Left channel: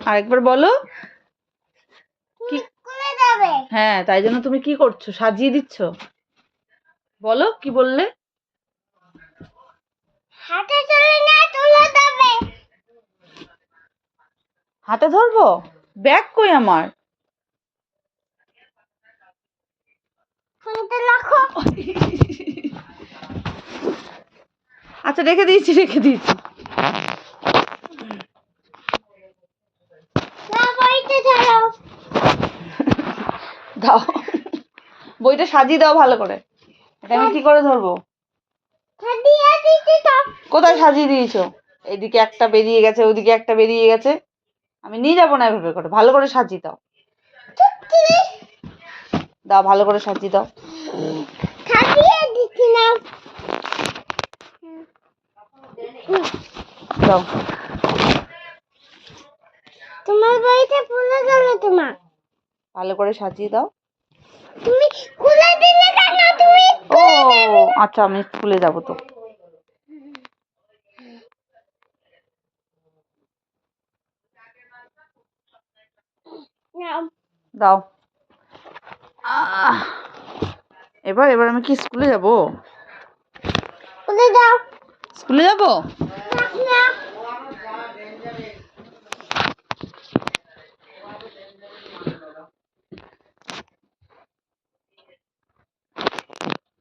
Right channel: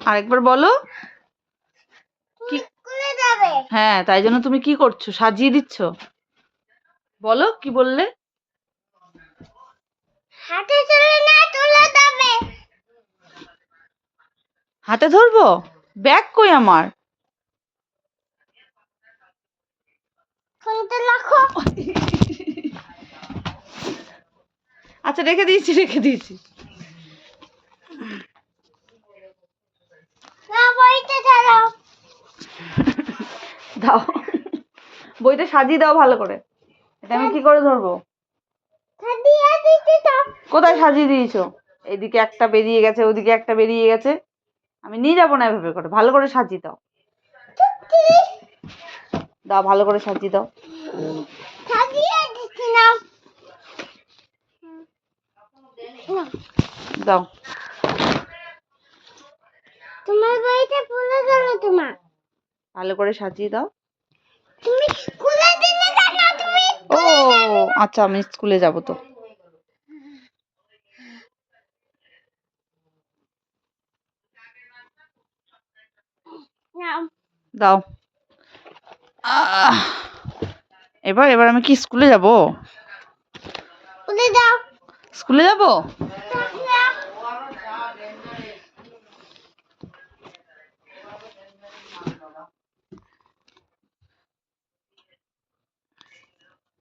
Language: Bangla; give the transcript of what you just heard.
আরেকবার বলো। কি? স্কুলে যাবে। হ্যাঁ, তাই জন্য তুমি কি করছো? সাজিয়ে দিচ্ছ। বলো কি বললে? হাতে তুলে না তুলে যাবে। হাতে ধরবো? ব্যাগ কই আমার? ফোনটা রাখো। আচ্ছা, রেখে দিয়েছি। না বইতে ছাড়ো। দাও, বইটা সাজিয়ে দাও ভালো করে। এটা আমি কি করে ধরবো? সাজিয়ে দিতে তো। কোথায় সাজিয়ে দিয়েছো? এইদিকে একটা বেরিয়ে গেছে, ওদিকে একটা বেরিয়ে গেছে। আমি নিয়ে যাবো না এভাবে করে। ভালো করে সাজিয়ে দাও। দাও, ভালো করে সাজিয়ে দাও। সাজিয়ে দিচ্ছি না। দাও। তোমার বইটা খুলে গেল তোমার। ভালো করে সাজিয়ে দাও। তুমি খুলে দিলে কেন তুমি? ও আচ্ছা, আমি স্কুলে যাব তো। নাও। দাও। এবার আমি কি স্কুলে যাব? খুলে দাও। স্কুলে যাব?